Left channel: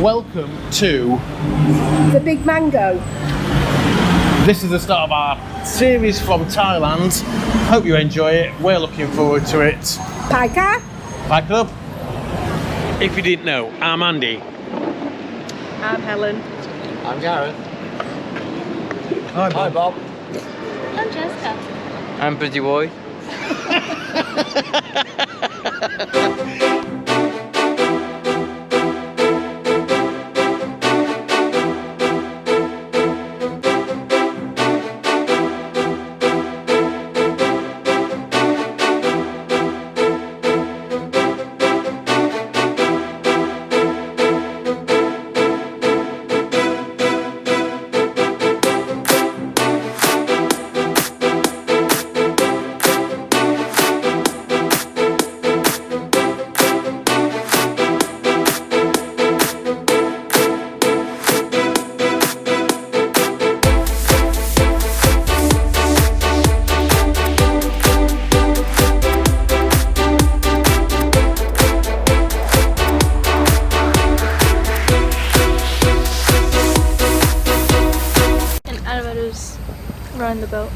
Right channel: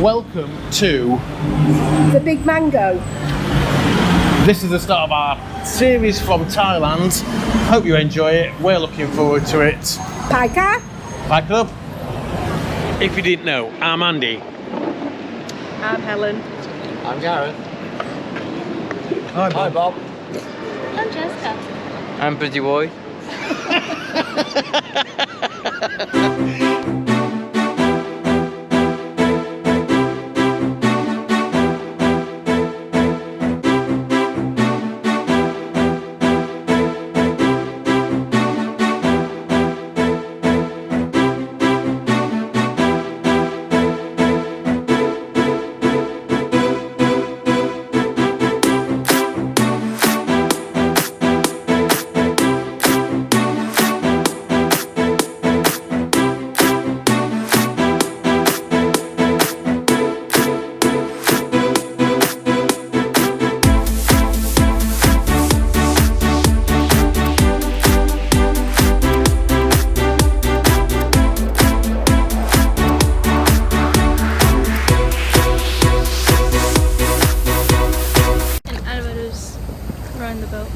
Welcome to The Big Mango. This is the start of our series from Thailand. Hope you enjoy it. We're looking forward to it. Paika. Bye Club. If you didn't know, I'm Andy. I'm Helen. I'm Gareth. Hi Bob. I'm Jessica. I'm Pretty Boy. And elevators around the boat.